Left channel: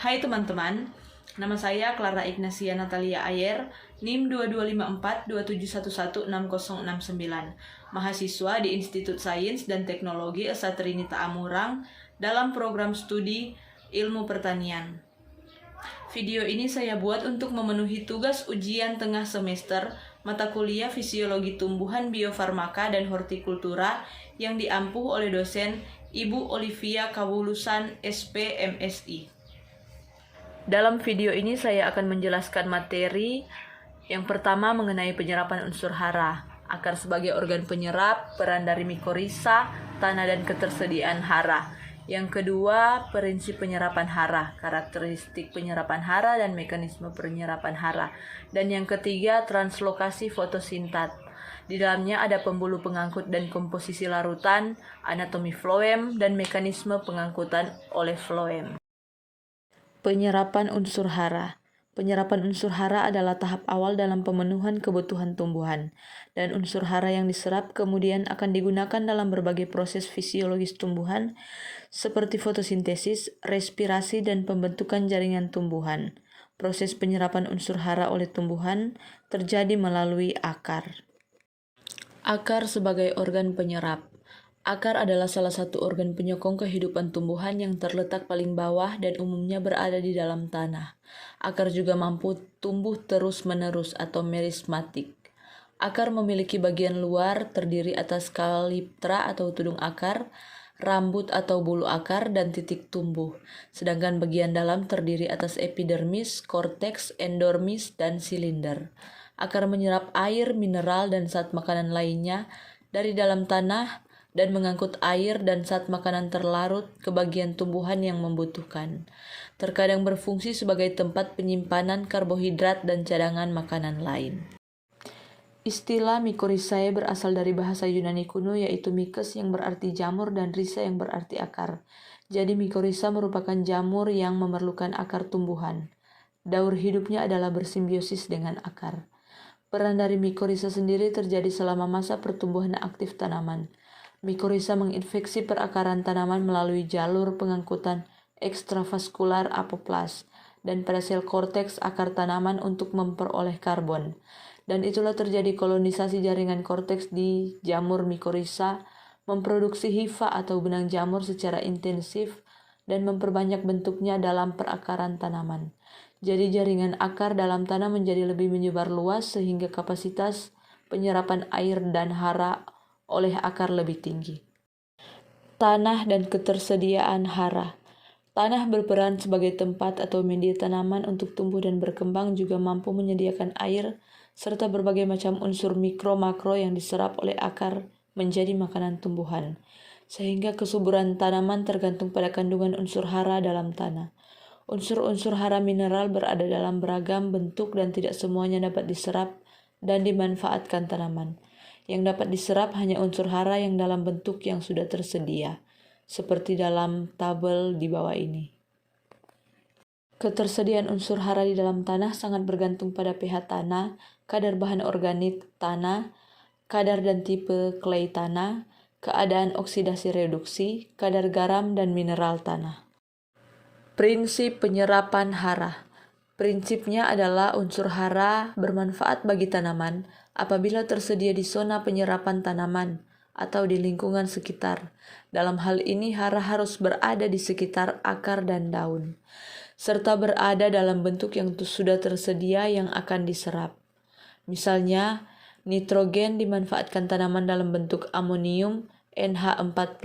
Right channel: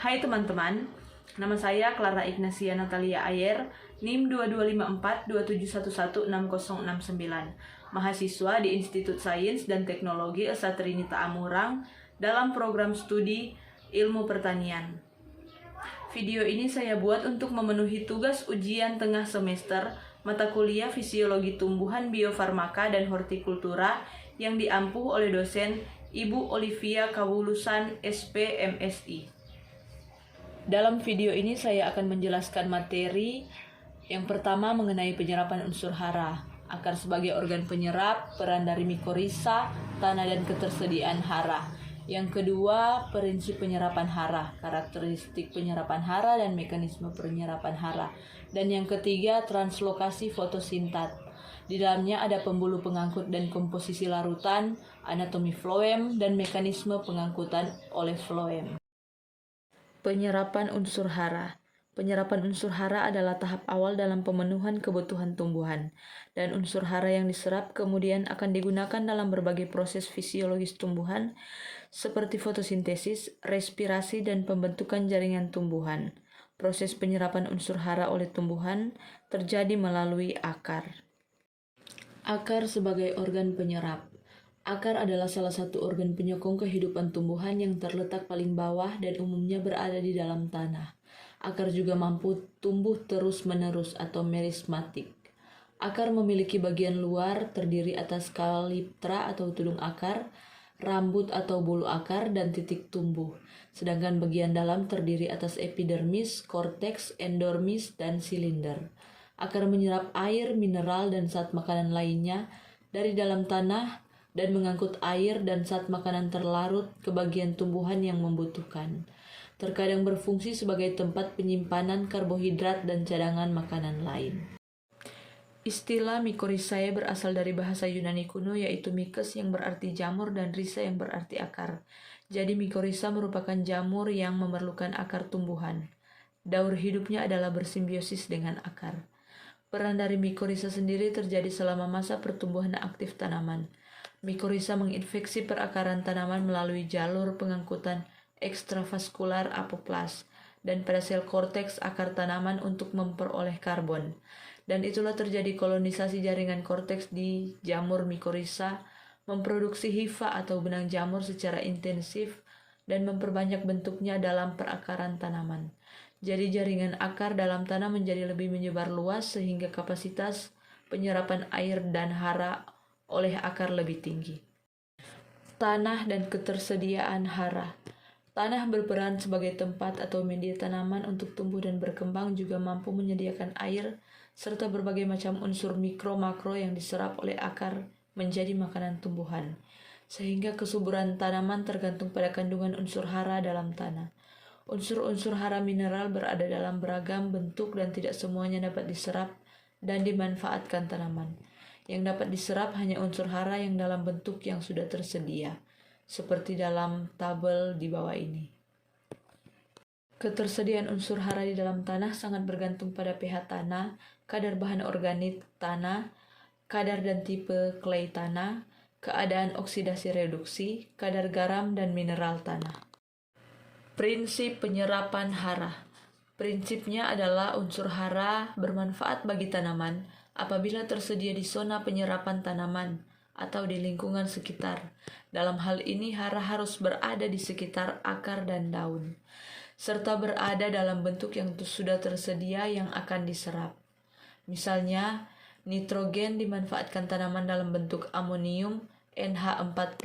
Hai teman-teman, nama saya Clara Ignacia Natalia Ayer, NIM 225427116069, mahasiswa di Institut Sains dan Teknologi Esa Trinita Amurang dalam program studi Ilmu Pertanian. Video ini saya buat untuk memenuhi tugas ujian tengah semester mata kuliah Fisiologi Tumbuhan Biofarmaka dan Hortikultura yang diampuh oleh dosen Ibu Olivia Kawulusan SPMSI. Dalam video ini saya akan menjelaskan materi yang pertama mengenai penyerapan unsur hara, akar sebagai organ penyerap, peran dari mikorisa, tanah dan ketersediaan hara. Yang kedua, prinsip penyerapan hara, karakteristik penyerapan hara dan mekanisme penyerapan hara. Dan yang ketiga, translokasi fotosintat. Di dalamnya ada pembuluh pengangkut dan komposisi larutan, anatomi floem, dan mekanisme pengangkutan oleh floem. Penyerapan unsur hara. Penyerapan unsur hara adalah tahap awal dalam pemenuhan kebutuhan tumbuhan, dan unsur hara yang diserap kemudian akan digunakan dalam berbagai proses fisiologis tumbuhan seperti fotosintesis, respirasi, dan pembentukan jaringan tumbuhan. Proses penyerapan unsur hara oleh tumbuhan terjadi melalui akar. Akar sebagai organ penyerap. Akar adalah salah satu organ penyokong kehidupan tumbuhan yang terletak paling bawah dan umumnya berada di dalam tanah. Akar juga mampu tumbuh terus-menerus atau merismatik. Akar memiliki bagian luar terdiri atas kaliptra atau tudung akar, rambut atau bulu akar, dan titik tumbuh. Sedangkan bagian dalam terdiri atas epidermis, korteks, endormis, dan silinder. Akar menyerap air, mineral, dan zat makanan lainnya dari dalam tanah dan mengangkut air dan zat makanan terlarut ke bagian tumbuhan yang membutuhkan. Terkadang berfungsi sebagai tempat penyimpanan karbohidrat dan cadangan makanan lain. Istilah Mycorrhizae berasal dari bahasa Yunani kuno yaitu mykes yang berarti jamur dan rhiza yang berarti akar. Jadi mycorrhiza merupakan jamur yang memerlukan akar tumbuhan. Daur hidupnya adalah bersimbiosis dengan akar. Peran dari mycorrhiza sendiri terjadi selama masa pertumbuhan aktif tanaman. Mycorrhiza menginfeksi perakaran tanaman melalui jalur pengangkutan ekstravaskular apoplas dan pada sel korteks akar tanaman untuk memperoleh karbon. Dan itulah terjadi kolonisasi jaringan korteks di jamur mycorrhiza, memproduksi hifa atau benang jamur secara intensif dan memperbanyak bentuknya dalam perakaran tanaman. Jadi jaringan akar dalam tanah menjadi lebih menyebar luas sehingga kapasitas penyerapan air dan hara oleh akar lebih tinggi. Tanah dan ketersediaan hara. Tanah berperan sebagai tempat atau media tanaman untuk tumbuh dan berkembang, juga mampu menyediakan air serta berbagai macam unsur mikro-makro yang diserap oleh akar menjadi makanan tumbuhan. Sehingga kesuburan tanaman tergantung pada kandungan unsur hara dalam tanah. Unsur-unsur hara mineral berada dalam beragam bentuk dan tidak semuanya dapat diserap dan dimanfaatkan tanaman. Yang dapat diserap hanya unsur hara yang dalam bentuk yang sudah tersedia, seperti dalam tabel di bawah ini. Ketersediaan unsur hara di dalam tanah sangat bergantung pada pH tanah, kadar bahan organik tanah, kadar dan tipe clay tanah, keadaan oksidasi reduksi, kadar garam dan mineral tanah. Prinsip penyerapan hara. Prinsipnya adalah unsur hara bermanfaat bagi tanaman apabila tersedia di zona penyerapan tanaman atau di lingkungan sekitar. Dalam hal ini hara harus berada di sekitar akar dan daun, serta berada dalam bentuk yang sudah tersedia yang akan diserap. Misalnya, nitrogen dimanfaatkan tanaman dalam bentuk amonium NH4+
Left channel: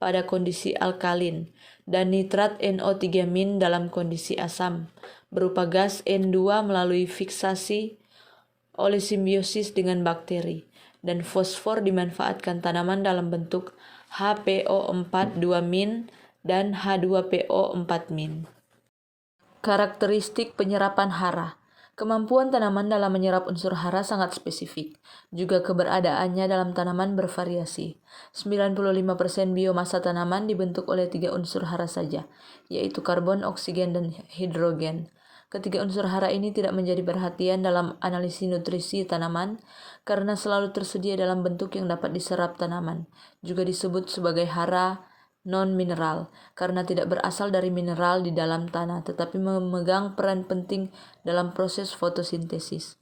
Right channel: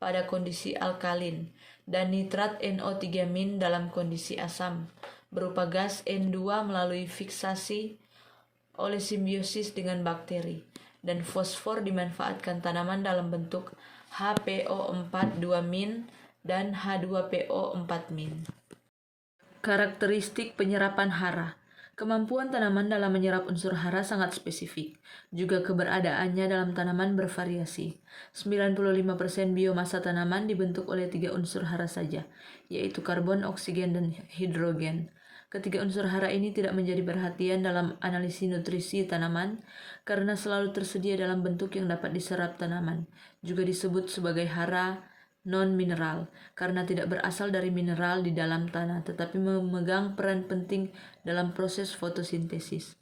pada kondisi alkalin dan nitrat NO3- dalam kondisi asam berupa gas N2 melalui fiksasi oleh simbiosis dengan bakteri, dan fosfor dimanfaatkan tanaman dalam bentuk HPO4 2- dan H2PO4-. Karakteristik penyerapan hara. Kemampuan tanaman dalam menyerap unsur hara sangat spesifik. Juga keberadaannya dalam tanaman bervariasi. 95% biomasa tanaman dibentuk oleh 3 unsur hara saja, yaitu karbon, oksigen, dan hidrogen. Ketiga unsur hara ini tidak menjadi perhatian dalam analisis nutrisi tanaman karena selalu tersedia dalam bentuk yang dapat diserap tanaman. Juga disebut sebagai hara non-mineral, karena tidak berasal dari mineral di dalam tanah, tetapi memegang peran penting dalam proses fotosintesis.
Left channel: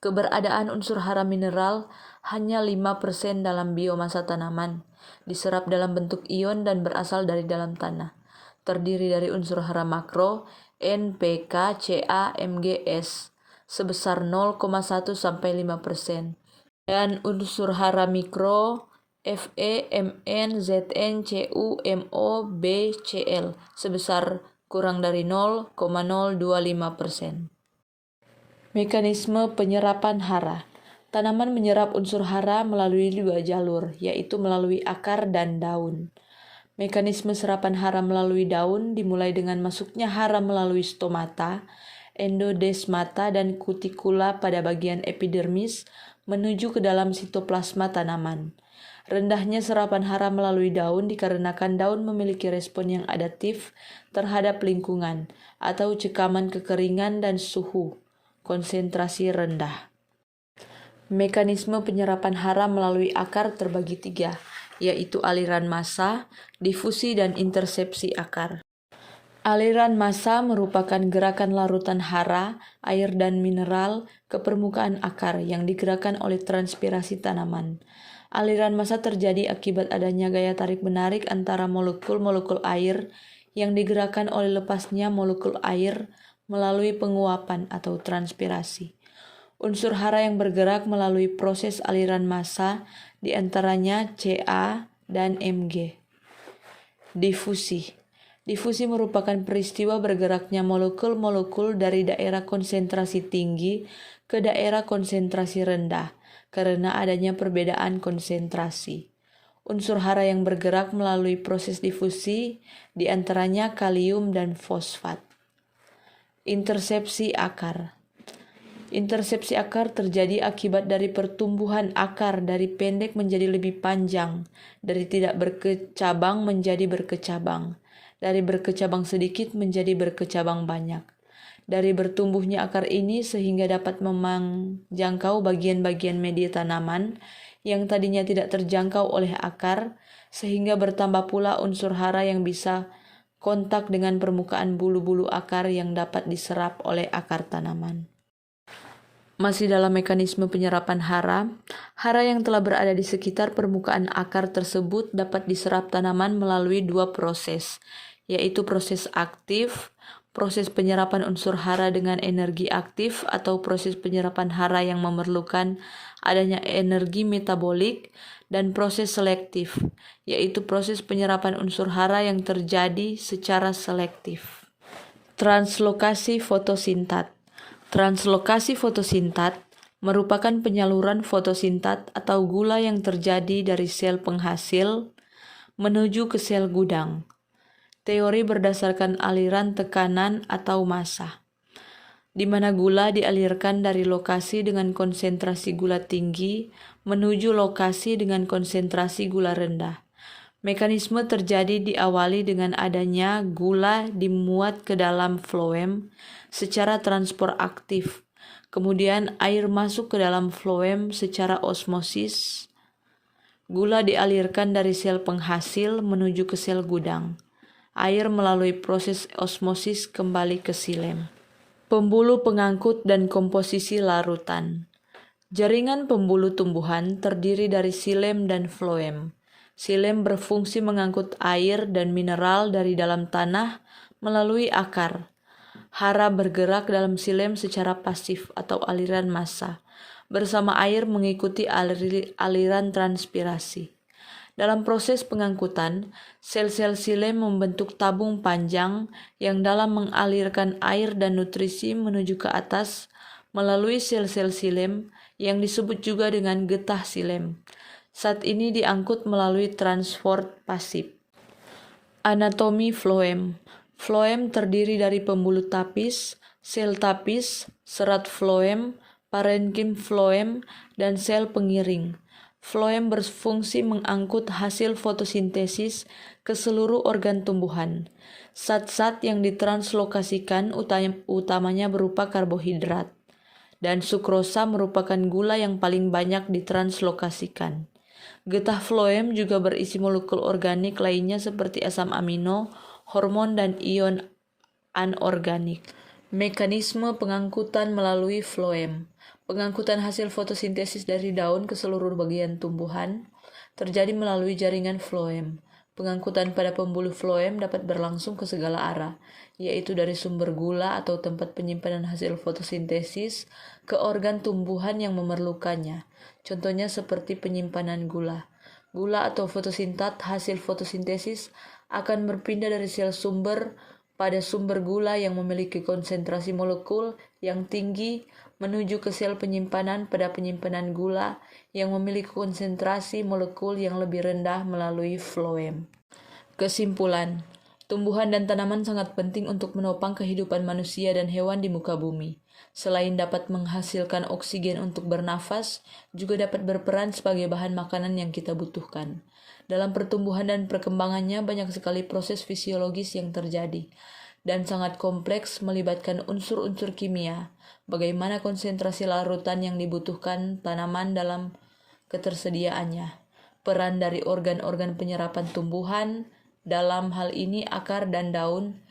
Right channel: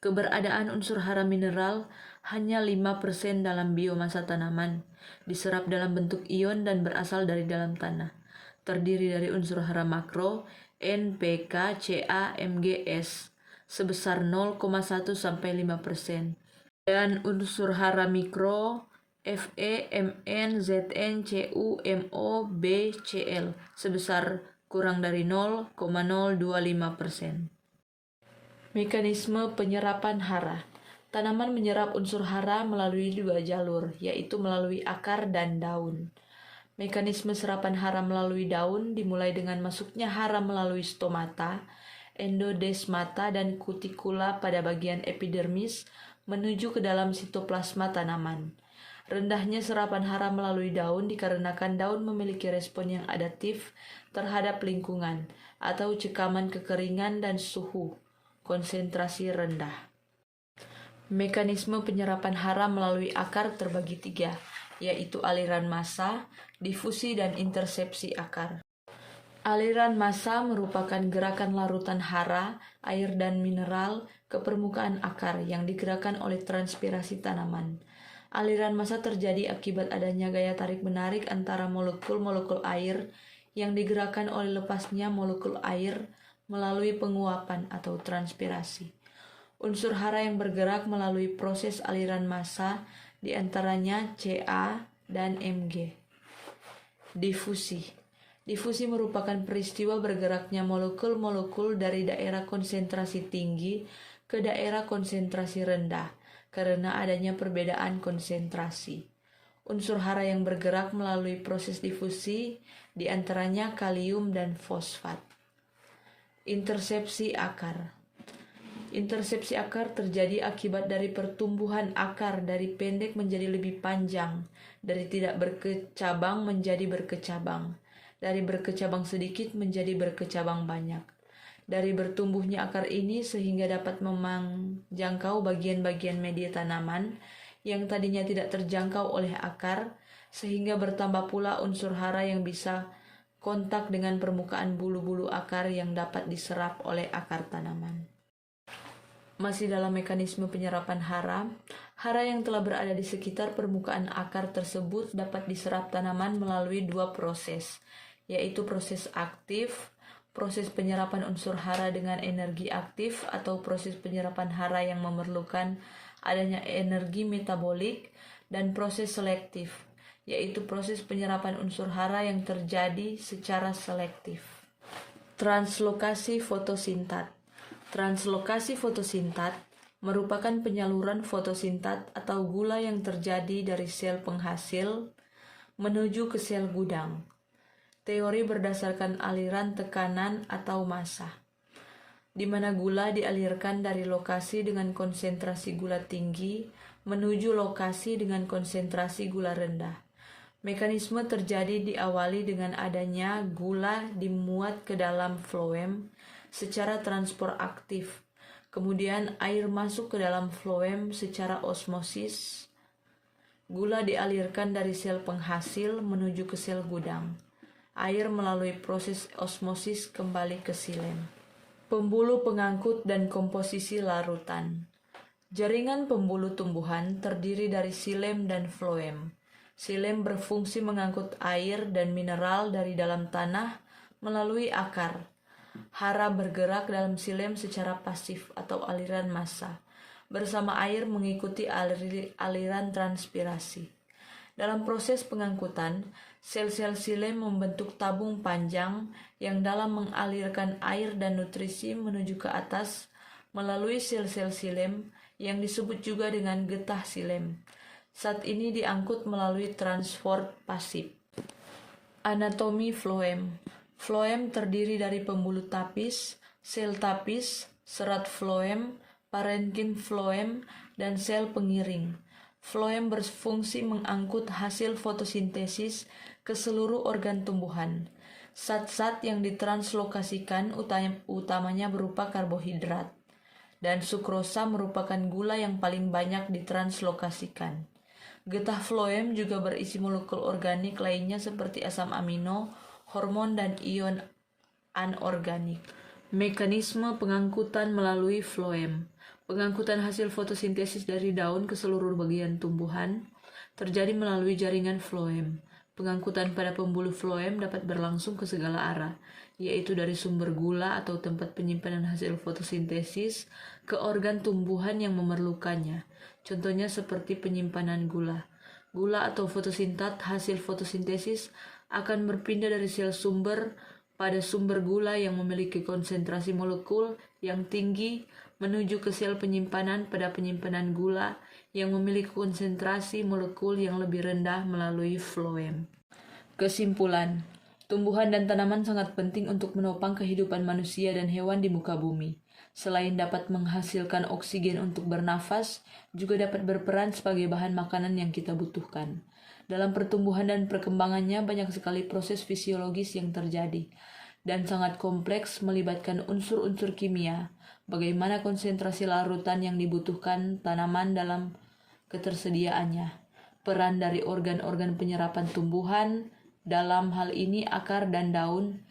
Keberadaan unsur hara mineral hanya 5% dalam biomasa tanaman, diserap dalam bentuk ion dan berasal dari dalam tanah. Terdiri dari unsur hara makro, N, P, K, Ca, Mg, S, sebesar 0,1 sampai 5%. Dan unsur hara mikro, Fe, Mn, Zn, Cu, Mo, B, Cl, sebesar kurang dari 0,025%. Mekanisme penyerapan hara. Tanaman menyerap unsur hara melalui 2 jalur, yaitu melalui akar dan daun. Mekanisme serapan hara melalui daun dimulai dengan masuknya hara melalui stomata, endodesmata, dan kutikula pada bagian epidermis menuju ke dalam sitoplasma tanaman. Rendahnya serapan hara melalui daun dikarenakan daun memiliki respon yang adaptif terhadap lingkungan atau cekaman kekeringan dan suhu konsentrasi rendah. Mekanisme penyerapan hara melalui akar terbagi 3, yaitu aliran massa, difusi, dan intersepsi akar. Aliran massa merupakan gerakan larutan hara, air, dan mineral ke permukaan akar yang digerakkan oleh transpirasi tanaman. Aliran massa terjadi akibat adanya gaya tarik-menarik antara molekul-molekul air yang digerakkan oleh lepasnya molekul air melalui penguapan atau transpirasi. Unsur hara yang bergerak melalui proses aliran massa diantaranya Ca dan Mg. Difusi. Difusi merupakan peristiwa bergeraknya molekul-molekul dari daerah konsentrasi tinggi ke daerah konsentrasi rendah karena adanya perbedaan konsentrasi. Unsur hara yang bergerak melalui proses difusi diantaranya kalium dan fosfat. Intersepsi akar. Intersepsi akar terjadi akibat dari pertumbuhan akar dari pendek menjadi lebih panjang, dari tidak berkecabang menjadi berkecabang, dari berkecabang sedikit menjadi berkecabang banyak. Dari bertumbuhnya akar ini sehingga dapat menjangkau bagian-bagian media tanaman yang tadinya tidak terjangkau oleh akar, sehingga bertambah pula unsur hara yang bisa kontak dengan permukaan bulu-bulu akar yang dapat diserap oleh akar tanaman. Masih dalam mekanisme penyerapan hara, hara yang telah berada di sekitar permukaan akar tersebut dapat diserap tanaman melalui 2 proses, yaitu proses aktif, proses penyerapan unsur hara dengan energi aktif atau proses penyerapan hara yang memerlukan adanya energi metabolik, dan proses selektif, yaitu proses penyerapan unsur hara yang terjadi secara selektif. Translokasi fotosintat. Translokasi fotosintat merupakan penyaluran fotosintat atau gula yang terjadi dari sel penghasil menuju ke sel gudang. Teori berdasarkan aliran tekanan atau massa, di mana gula dialirkan dari lokasi dengan konsentrasi gula tinggi menuju lokasi dengan konsentrasi gula rendah. Mekanisme terjadi diawali dengan adanya gula dimuat ke dalam floem secara transport aktif. Kemudian air masuk ke dalam floem secara osmosis. Gula dialirkan dari sel penghasil menuju ke sel gudang. Air melalui proses osmosis kembali ke xilem. Pembuluh pengangkut dan komposisi larutan. Jaringan pembuluh tumbuhan terdiri dari xilem dan floem. Xilem berfungsi mengangkut air dan mineral dari dalam tanah melalui akar. Hara bergerak dalam xilem secara pasif atau aliran massa, bersama air mengikuti aliran transpirasi. Dalam proses pengangkutan, sel-sel xilem membentuk tabung panjang yang dalam mengalirkan air dan nutrisi menuju ke atas melalui sel-sel xilem yang disebut juga dengan getah xilem. Saat ini diangkut melalui transport pasif. Anatomi floem. Floem terdiri dari pembuluh tapis, sel tapis, serat floem, parenkim floem, dan sel pengiring. Floem berfungsi mengangkut hasil fotosintesis ke seluruh organ tumbuhan. Zat-zat yang ditranslokasikan utamanya berupa karbohidrat, dan sukrosa merupakan gula yang paling banyak ditranslokasikan. Getah floem juga berisi molekul organik lainnya seperti asam amino, hormon, dan ion anorganik. Mekanisme pengangkutan melalui floem. Pengangkutan hasil fotosintesis dari daun ke seluruh bagian tumbuhan terjadi melalui jaringan floem. Pengangkutan pada pembuluh floem dapat berlangsung ke segala arah, yaitu dari sumber gula atau tempat penyimpanan hasil fotosintesis ke organ tumbuhan yang memerlukannya. Contohnya seperti penyimpanan gula. Gula atau fotosintat hasil fotosintesis akan berpindah dari sel sumber pada sumber gula yang memiliki konsentrasi molekul yang tinggi menuju ke sel penyimpanan pada penyimpanan gula yang memiliki konsentrasi molekul yang lebih rendah melalui floem. Kesimpulan, tumbuhan dan tanaman sangat penting untuk menopang kehidupan manusia dan hewan di muka bumi. Selain dapat menghasilkan oksigen untuk bernafas, juga dapat berperan sebagai bahan makanan yang kita butuhkan. Dalam pertumbuhan dan perkembangannya banyak sekali proses fisiologis yang terjadi dan sangat kompleks melibatkan unsur-unsur kimia, bagaimana konsentrasi larutan yang dibutuhkan tanaman dalam ketersediaannya, peran dari organ-organ penyerapan tumbuhan, dalam hal ini akar dan daun,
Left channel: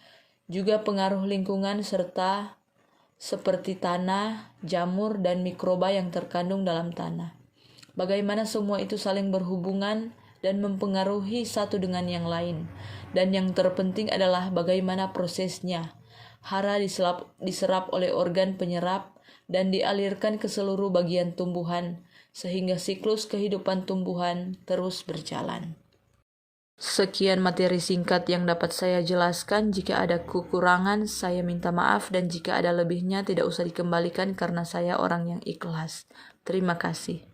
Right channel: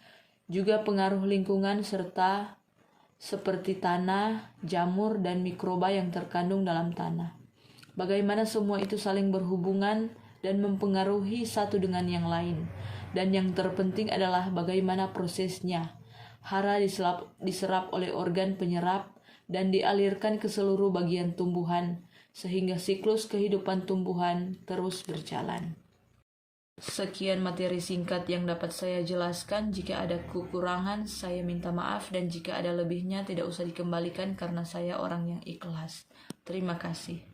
juga pengaruh lingkungan serta seperti tanah, jamur, dan mikroba yang terkandung dalam tanah. Bagaimana semua itu saling berhubungan dan mempengaruhi satu dengan yang lain. Dan yang terpenting adalah bagaimana prosesnya. Hara diserap oleh organ penyerap dan dialirkan ke seluruh bagian tumbuhan, sehingga siklus kehidupan tumbuhan terus berjalan. Sekian materi singkat yang dapat saya jelaskan. Jika ada kekurangan, saya minta maaf, dan jika ada lebihnya tidak usah dikembalikan karena saya orang yang ikhlas. Terima kasih.